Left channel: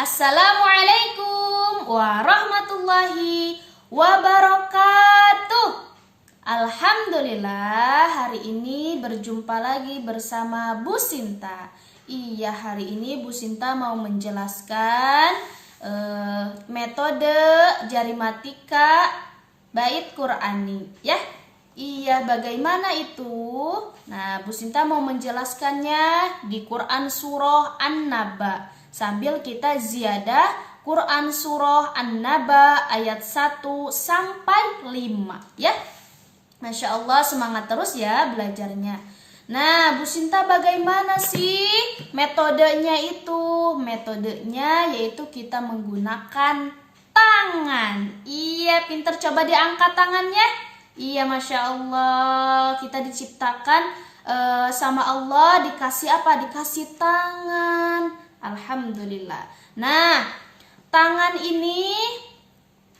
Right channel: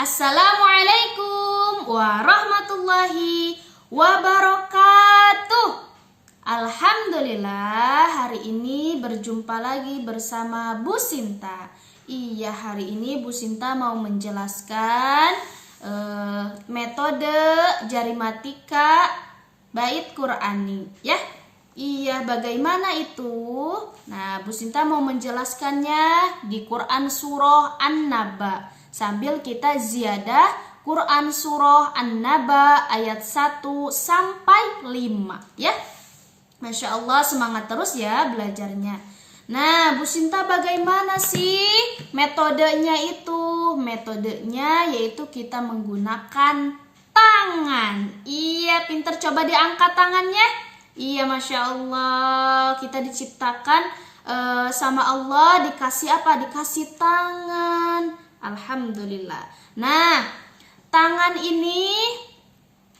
Assalamualaikum warahmatullahi wabarakatuh. Alhamdulillah, hari ini berjumpa lagi bersama Bu Sinta. Iya, hari ini Bu Sinta mau menjelaskan metode jarimatika bait Qur'ani, ya. Iya, bagaimana itu? Nah, Bu Sinta mau menjelaskannya di Quran Surah An-Naba. Sambil kita ziyadah Quran Surah An-Naba ayat 1 sampai 5, ya. Masya Allah, semangat terus ya belajarnya. Nah, Bu Sinta bagaimana sih metodenya itu? Metodenya yaitu kita menggunakan tangan. Iya, pinter, coba diangkat tangannya. Iya, Masya Allah, kita diciptakan sama Allah dikasih apa? Dikasih tangan. Alhamdulillah. Nah, tangan ini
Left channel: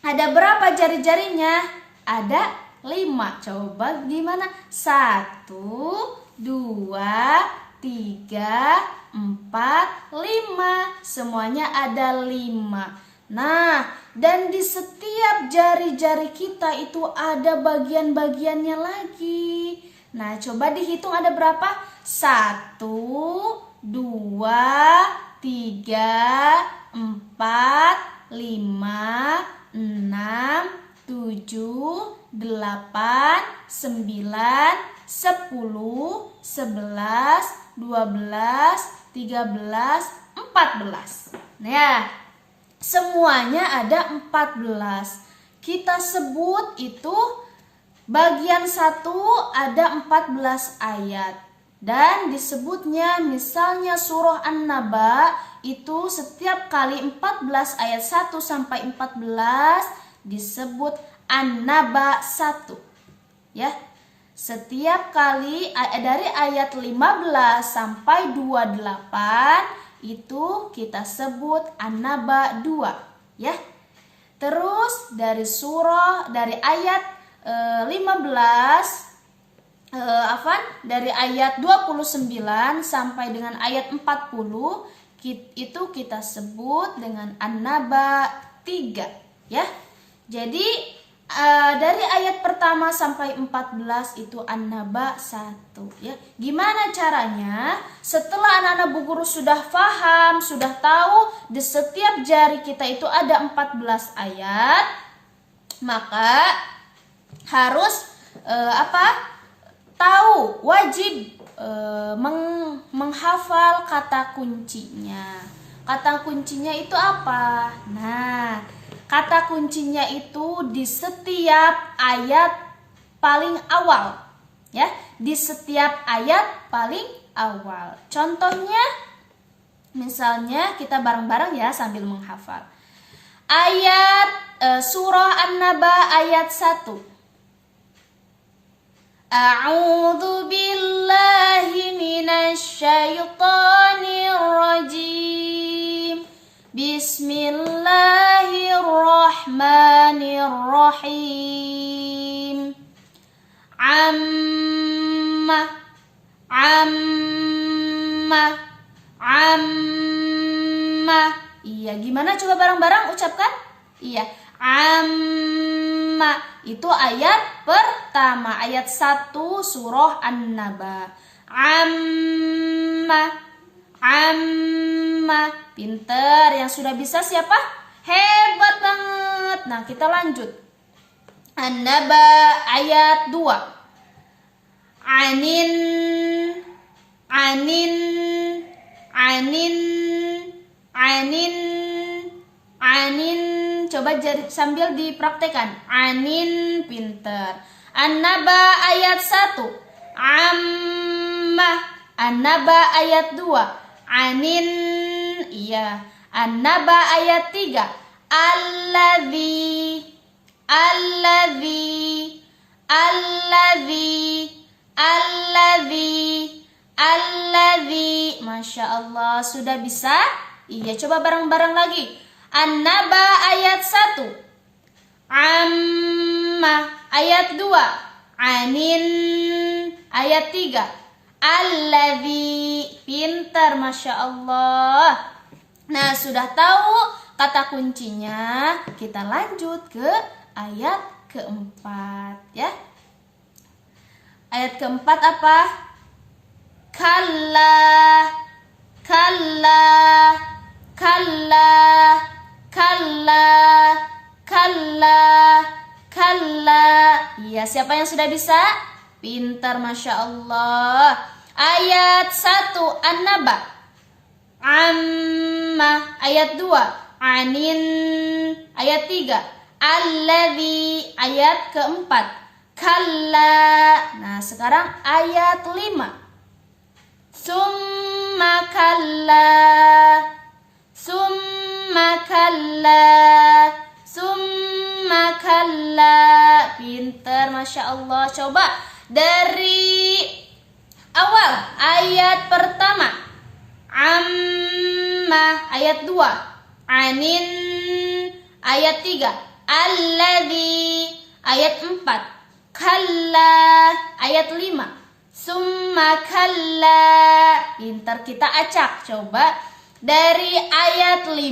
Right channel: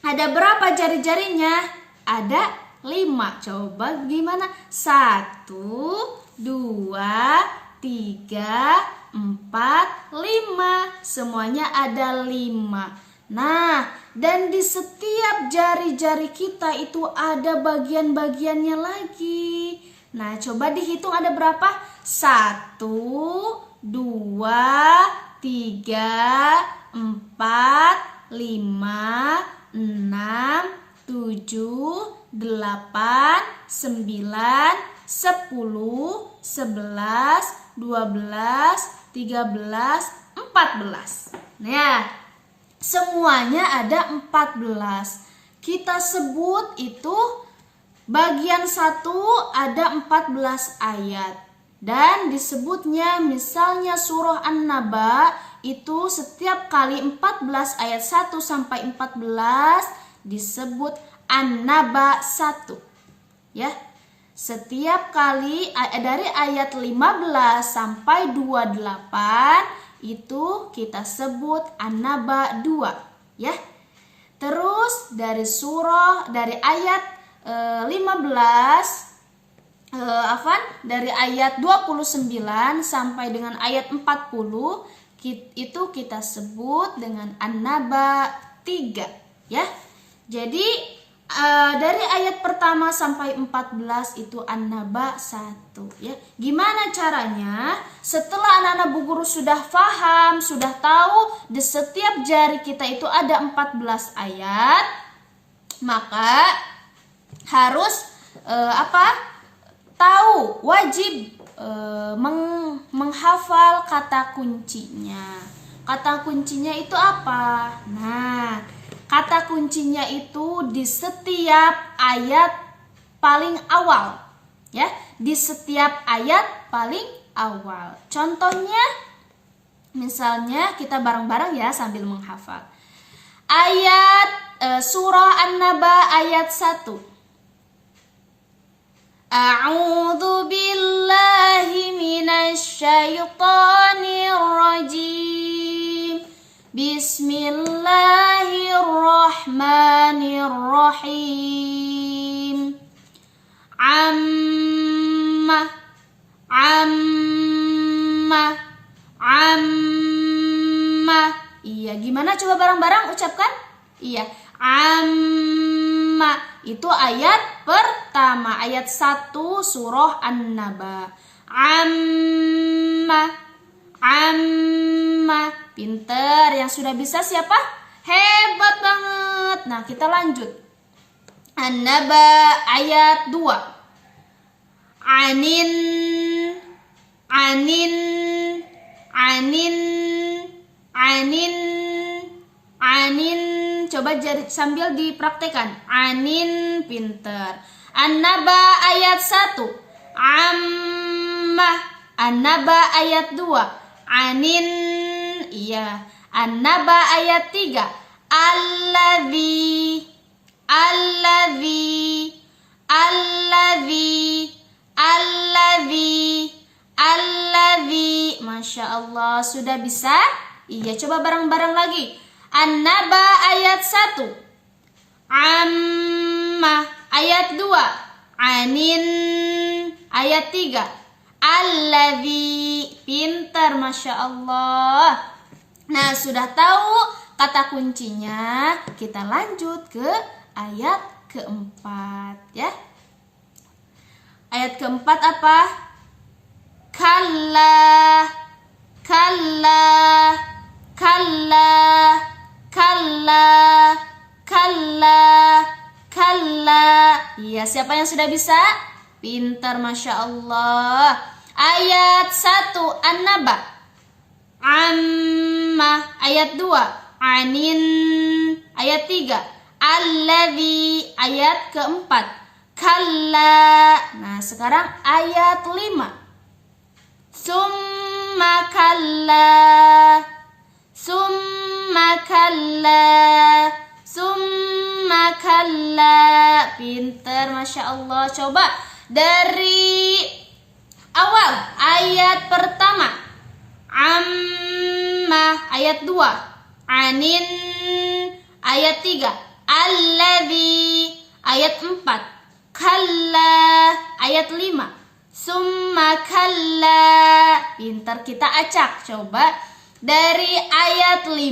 ada berapa jari-jarinya? Ada 5. Coba gimana? 1, 2, 3, 4, 5. Semuanya ada 5. Nah, dan di setiap jari-jari kita itu ada bagian-bagiannya lagi. Nah, coba dihitung ada berapa? 1, 2, 3, 4, 5, 6, 7, 8, 9, 10, 11, 12, 13, 14. Nah, semuanya ada 14. Kita sebut itu bagian 1 ada 14 ayat. Dan disebutnya misalnya surah An-Naba itu setiap kali 14 ayat 1 sampai 14 disebut An-Naba 1. Ya. Setiap kali dari ayat 15 sampai 28 itu kita sebut An-Naba 2, ya. Terus dari ayat 15 dari ayat 29 sampai dengan ayat 40 itu kita sebut dengan An-Naba 3, ya. Jadi dari ayat pertama sampai 14 itu An-Naba 1, ya. Gimana caranya? Setelah anak-anak Bu Guru sudah paham, sudah tahu di setiap jari kita itu ada 14 ayat, maka harus tahu, wajib menghafal kata kuncinya. Kata kuncinya itu apa? Nah, kata kuncinya itu di setiap ayat paling awal, ya. Di setiap ayat paling awal. Contohnya, misalnya kita bareng-bareng ya sambil menghafal. Ayat surah An-Naba ayat 1. A'udzu billahi minasy syaithanir rajim. Bismillahirrahmanirrahim. Amma. Iya, gimana coba bareng-bareng ucapkan? Iya, amma. Itu ayat pertama, ayat 1 surah An-Naba. Amma. Pinter, yang sudah bisa siapa? Hebat banget. Nah, kita lanjut. An-Naba ayat 2. Anin. Coba sambil dipraktekan. Anin, pinter. An-Naba ayat 1. Ammah. An-Naba ayat 2. Anin. Iya. An-Naba ayat 3. Alladzi. Masya Allah, sudah bisa? Iya, coba bareng-bareng lagi. An-Naba ayat 1. Ammah ayat 2. Anin ayat 3. Alladzi, pintar, Masya Allah. Nah, sudah tahu kata kuncinya, kita lanjut ke ayat keempat ya. Ayat keempat apa? Kalla, kalla, kalla, kalla, kalla, kalla. Iya, siapa yang sudah bisa? Pintar, Masya Allah. Ayat 1 An-Naba. Amma. Ayat 2 Anin. Ayat 3 Alladzi. Ayat keempat Kalla. Nah, sekarang ayat 5 Summa kalla, summa kalla, summa kalla. Pinter, Masya Allah. Coba dari awal. Ayat pertama Amma. Ayat 2 Anin. Ayat 3 Alladzi. Ayat 4 Kalla. Ayat 5 Summa kalla. Pintar, kita acak. Coba dari ayat 5,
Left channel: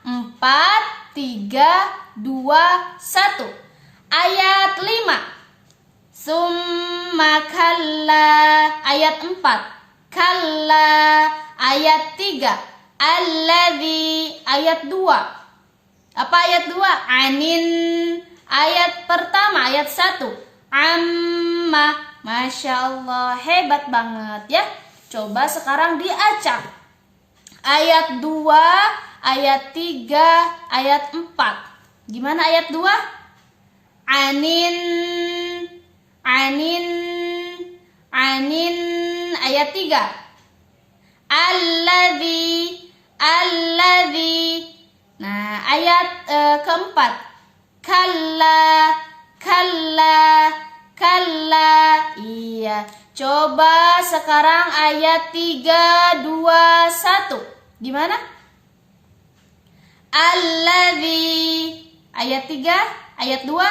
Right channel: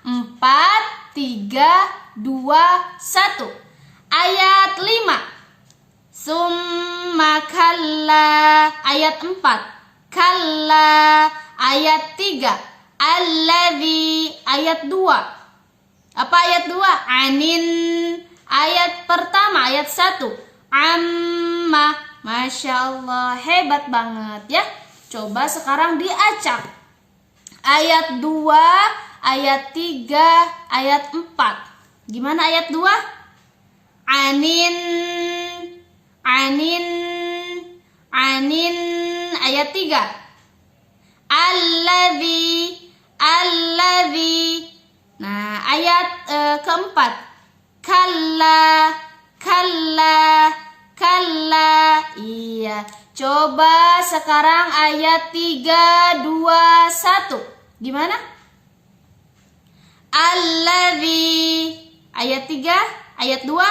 4, 3, 2, 1. Ayat 5 Summa kalla. Ayat 4 Kalla. Ayat 3 Alladzi. Ayat 2 apa ayat 2? Anin. Ayat pertama, ayat 1 Amma. Masya Allah, hebat banget ya. Coba sekarang diacak. Ayat 2, ayat 3, ayat 4. Gimana ayat 2? Anin, anin, anin. Ayat 3 Alladzi, alladzi. Nah, ayat keempat Kalla, kalla, kalla. Iya. Coba sekarang ayat 3, 2, 1. Gimana? Alladzi. Ayat 3, ayat 2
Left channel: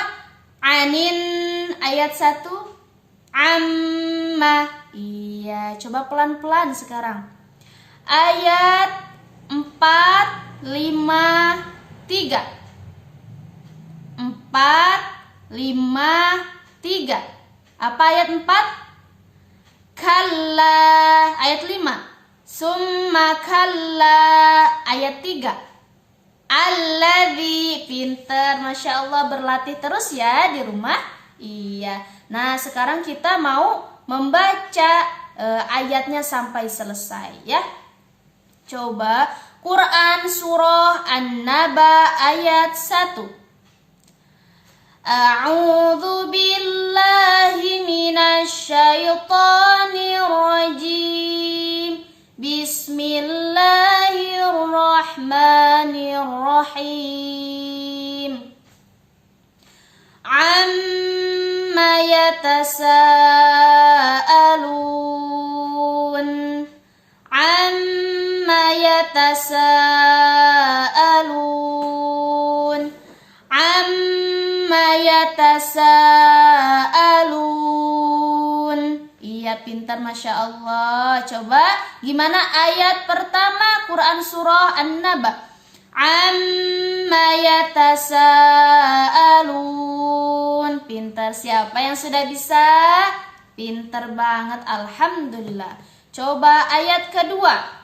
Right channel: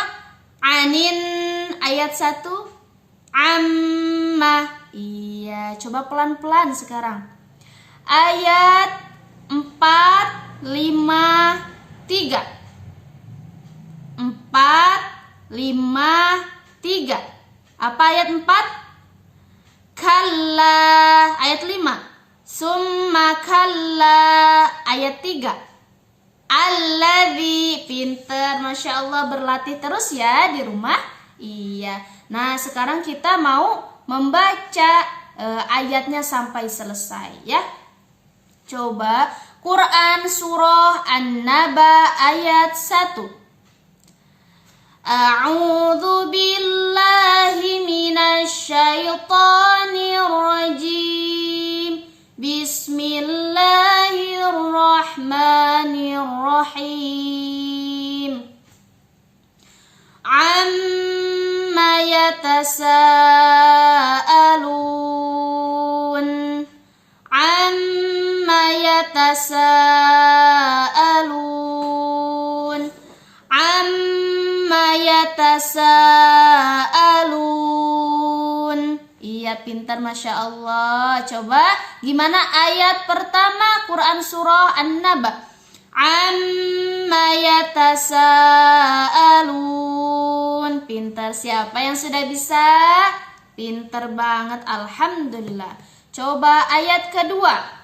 Anin. Ayat 1 Amma. Iya, coba pelan-pelan sekarang. Ayat 4, 5, 3. 4, 5, 3. Apa ayat 4? Kalla. Ayat 5 Summa kalla. Ayat 3 Alladzi. Pinter, Masya Allah. Berlatih terus ya di rumah. Iya. Nah, sekarang kita mau membaca ayatnya sampai selesai ya. Coba Quran surah An-Naba ayat 1. A'udzu billahi minasy syaithanir rajim. Bismillahirrahmanirrahim. Amma yatasaalun. Amma yatasaalun. Amma yatasaalun. Iya, pintar, Masya Allah. Coba gimana ayat pertama Quran surah An-Naba? Amma yatasaalun. Pintar, siapa yang sudah bisa? Pintar banget, alhamdulillah. Coba ayat kedua.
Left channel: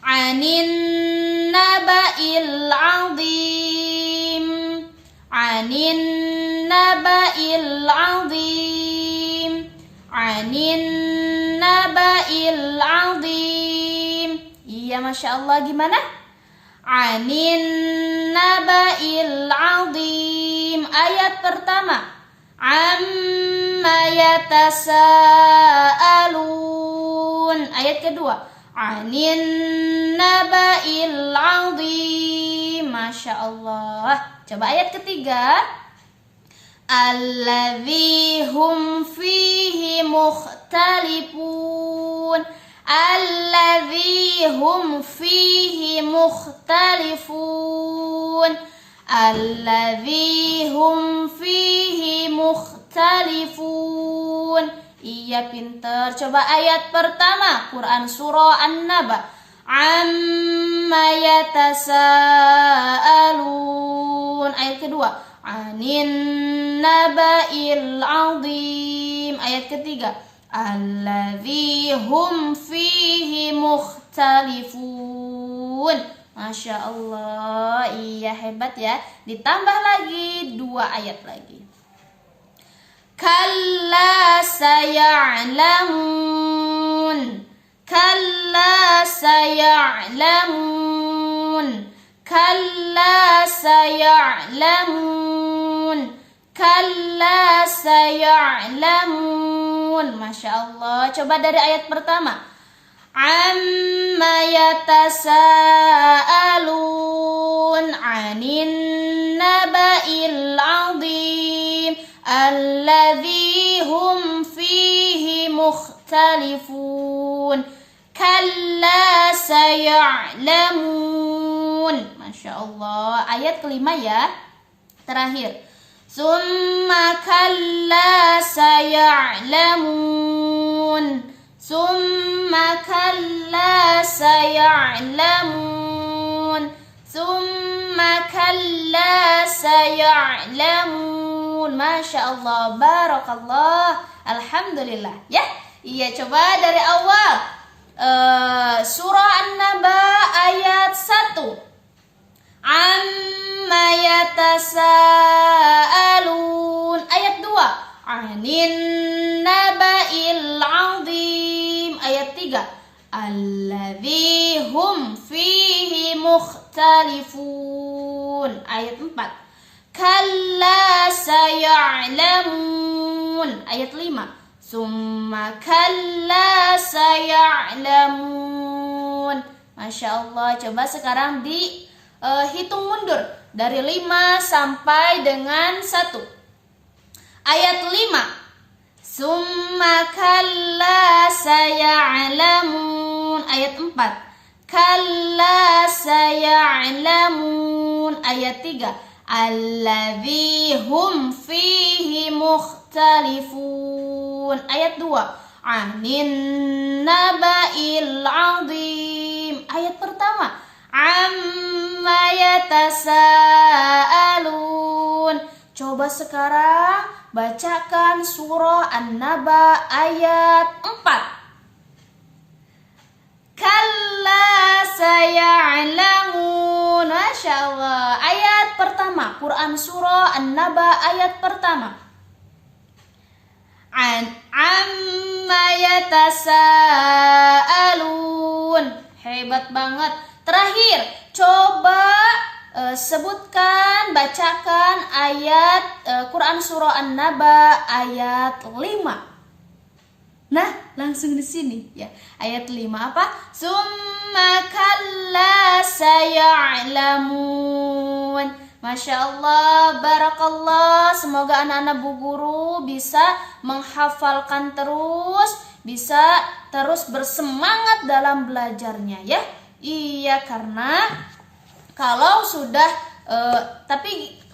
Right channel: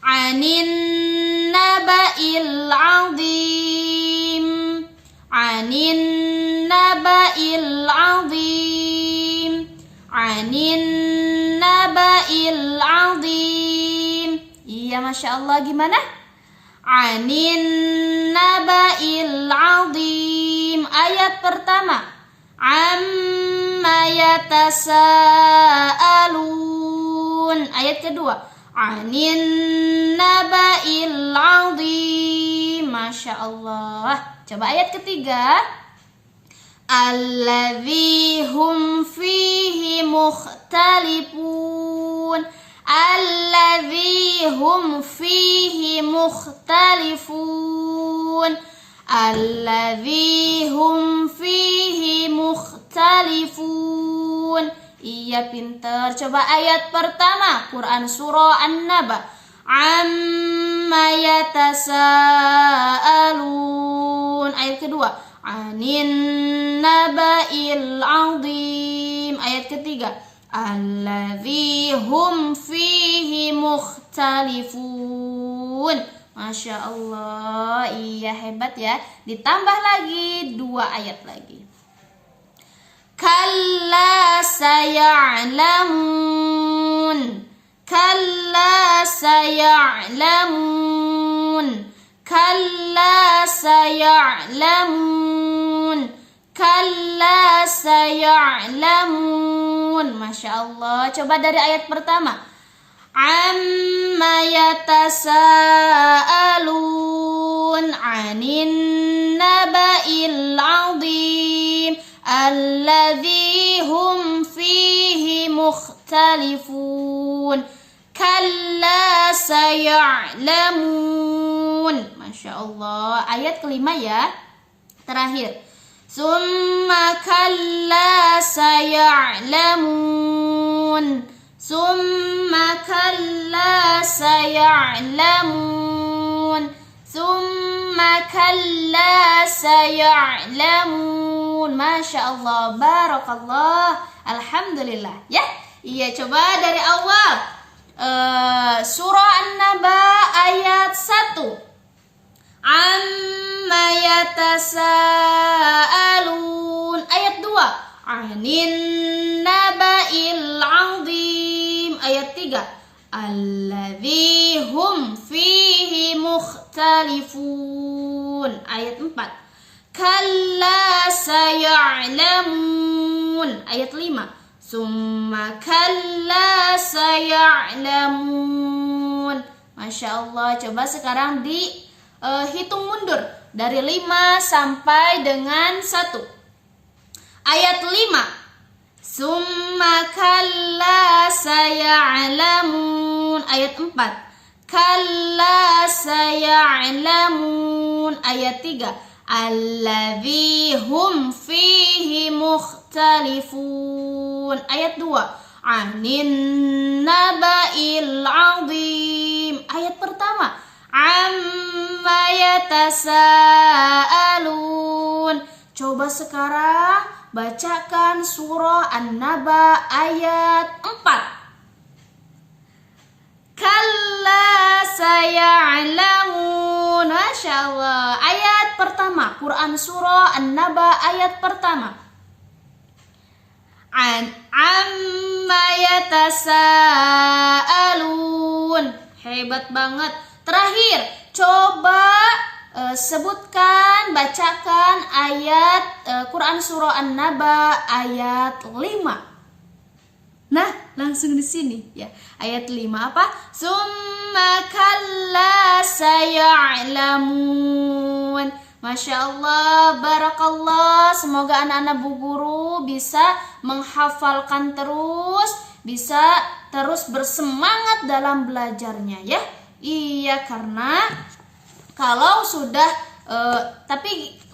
Anin naba'il azim. Anin naba'il azim. Anin naba'il azim. Iya, Masya Allah. Gimana? Anin naba'il azim. Ayat pertama. Amma yatasaalun. Ayat kedua. Anin naba'il azim. Masya Allah. Coba ayat ketiga. Alladzi hum fihi mukhtalifun. Alladzi hum fihi mukhtalifun. Alladzi hum fihi mukhtalifun. Iya, pintar. Coba ayat pertama Quran surah An-Naba. Amma yatasaalun. Ayat kedua, anin naba'il azim. Ayat ketiga, alladzi hum fihi mukhtalifun. Masya Allah, iya hebat ya. Ditambah lagi 2 ayat lagi. Kalla saya'lamun. Kalla saya'lamun. Kalla saya'lamun. Kalla saya'lamun. Masya Allah. Coba dari ayat pertama. Amma yatasaalun anin naba'il azim alladzi hum fihi mukhtalifun. Kalla saya'lamun. Masya Allah. Ayat kelima ya, terakhir. Summa kalla saya'lamun. Summa kalla saya'lamun. Summa kalla saya'lamun. Masya Allah, barakallah, alhamdulillah ya. Iya, coba dari awal. Surah An-Naba ayat 1. Amma yatasaalun. Ayat 2. Anin naba'il azim. Ayat 3. Alladzi hum fihi mukhtalifun. Ayat 4. Kalla saya'lamun. Ayat 5. Summa kalla saya'lamun. Masya Allah. Coba sekarang dihitung mundur dari 5 sampai dengan 1. Ayat 5. Summa kalla saya'lamun. Ayat 4. Kalla saya'lamun. Ayat 3. Alladzi hum fihi mukhtalifun. Ayat 2. Anin naba'il azim. Ayat pertama. Amma yatasaalun. Coba sekarang bacakan surah An-Naba ayat 4. Kalla saya'lamun. Masya Allah. Ayat pertama, Quran surah An-Naba ayat pertama. Amma yatasaalun. Hebat banget. Terakhir, coba sebutkan, bacakan ayat Quran surah An-Naba ayat 5. Nah, langsung di sini ya. Ayat 5 apa? Summa kalla saya'lamun. Masya Allah, barakallah. Semoga anak-anak Bu Guru bisa menghafalkan terus, bisa terus bersemangat dalam belajarnya ya. Iya, karena kalau sudah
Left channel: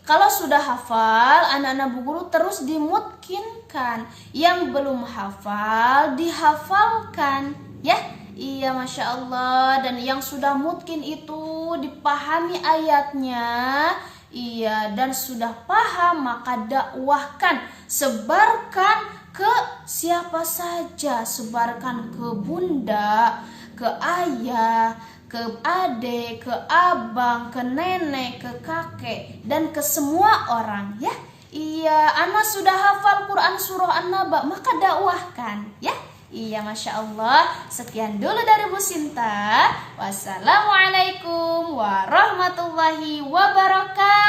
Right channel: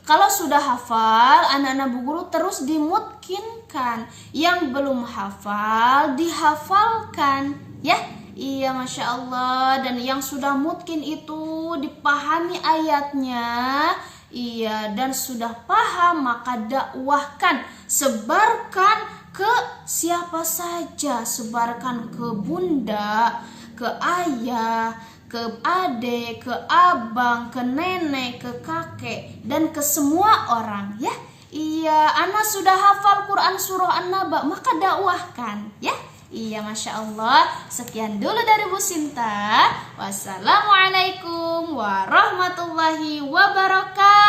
kalau sudah hafal, anak-anak Bu Guru terus dimungkinkan. Yang belum hafal, dihafalkan ya. Iya, Masya Allah. Dan yang sudah mungkin itu dipahami ayatnya. Iya, dan sudah paham, maka dakwahkan. Sebarkan ke siapa saja. Sebarkan ke bunda, ke ayah, ke adik, ke abang, ke nenek, ke kakek, dan ke semua orang ya. Iya, anak sudah hafal Quran surah An-Naba, maka dakwahkan ya. Iya, Masya Allah. Sekian dulu dari Bu Sinta. Wassalamualaikum warahmatullahi wabarakatuh.